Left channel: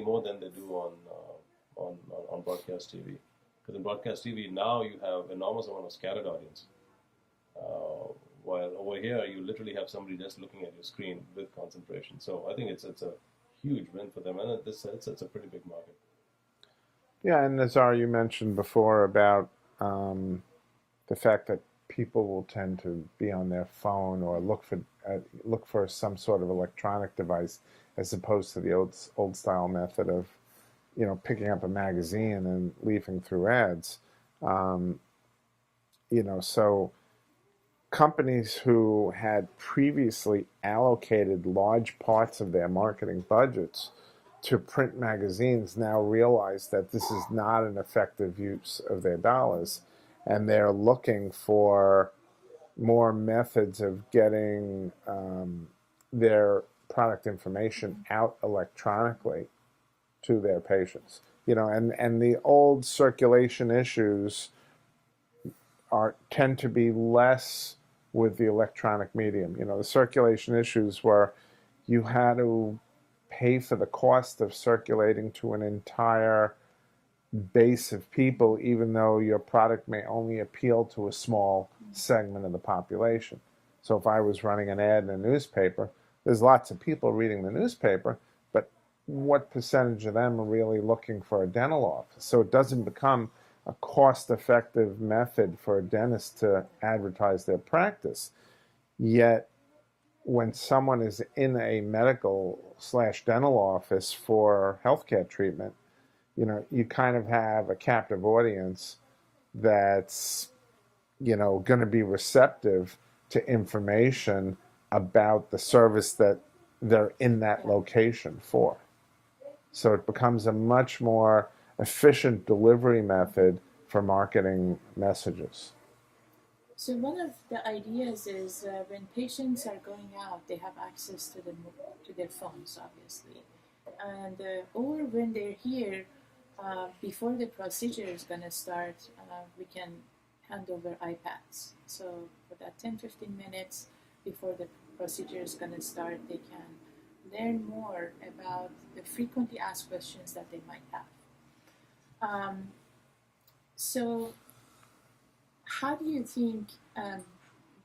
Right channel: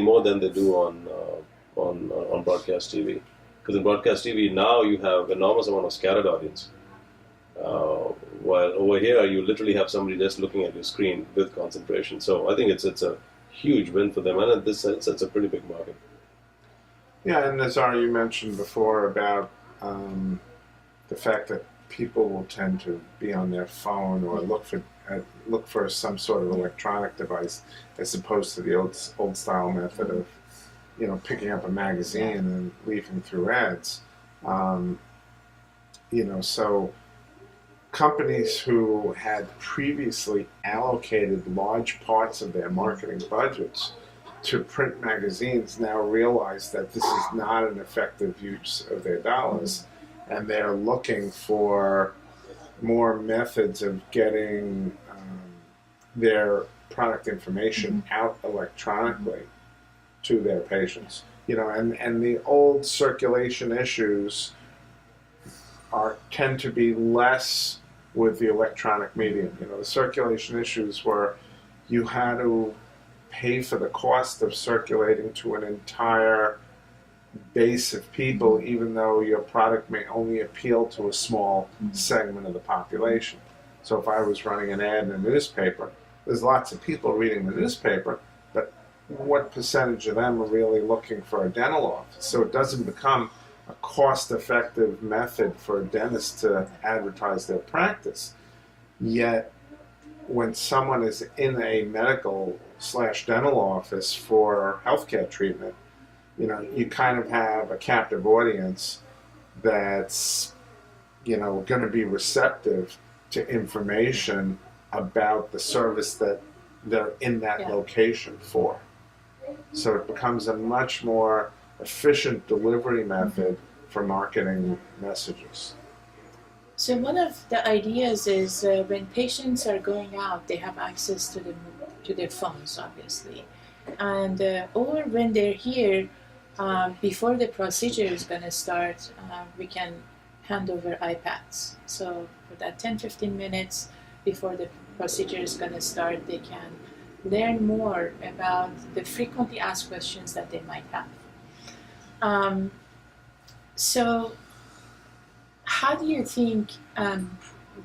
more than they do on broadcast TV. Because in broadcast TV now you have enormous amount of scattered audience. While over here you literally have somebody just looking at your screen with concentration. So I think it's a huge win for them, and in this sense, it's a pretty big market. Yeah, and Nazar, you mentioned before about the fact that people will tend to be on their phone or look for some sort of electronic device, as opposed to the old style method of, picking up a magazine and leafing through ads. So companies who had previously allocated large parts of their marketing budgets to print magazines now realize that this is not an effective use of their dollars, and they're looking for more methods of getting their product information out electronically to their patients. And the old circulation issues tend to be less with the electronic medium. The circulation issues were you had to pay for the cost of circulating to an entire base of people, even though your product may only appeal to a small segment of the population. So if I was running an ad in a newspaper, there's lots of people reading the newspaper, but what percentage of them are really looking for a dental office? So it doesn't become a cost-effective method for a dentist to advertise their practice. Yet, when someone is in a medical/dental office for healthcare treatment, you kind of have a captive audience that's, going to be receptive to information about the service that they're in that location for. So it becomes a much more efficient delivery method for marketing messages. So one of the ideas is when patients are going out, they have access to their phones, obviously, and or when they're here, before the procedure is going to start, we can hand over iPads. So for that 10-15 minutes before the procedure is going to start, they can learn more about the frequently asked questions that they might have. So how do you think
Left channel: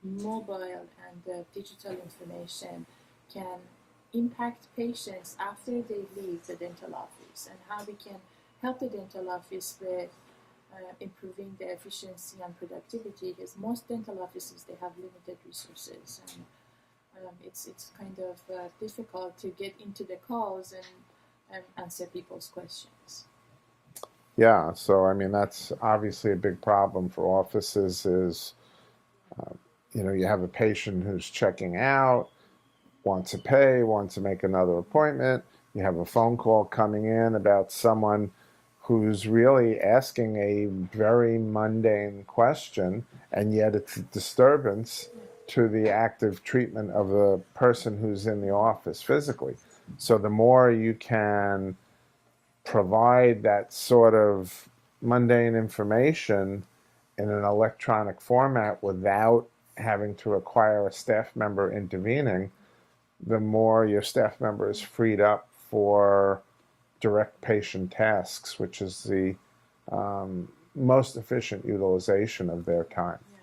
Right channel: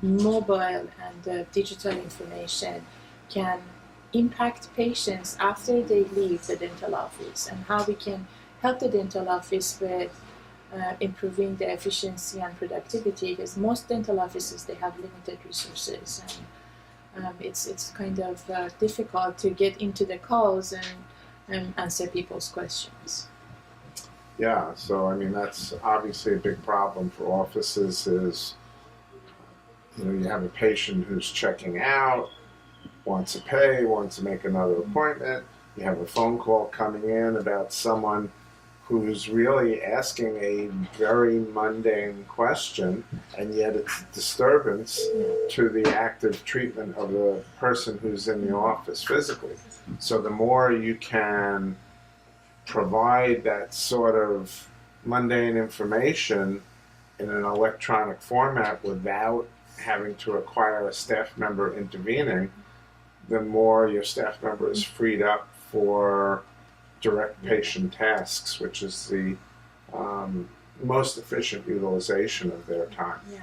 mobile and digital information can impact patients after they leave the dental office, and how we can help the dental office with improving the efficiency and productivity? Because most dental offices, they have limited resources, and it's kind of difficult to get into the calls and answer people's questions. Yeah, so that's obviously a big problem for offices is, you have a patient who's checking out, wants to pay, wants to make another appointment. You have a phone call coming in about someone who's really asking a very mundane question, and yet it's a disturbance to the active treatment of the person who's in the office physically. So the more you can provide that sort of mundane information in an electronic format without having to require a staff member intervening, the more your staff member is freed up for direct patient tasks, which is the most efficient utilization of their time. Yeah.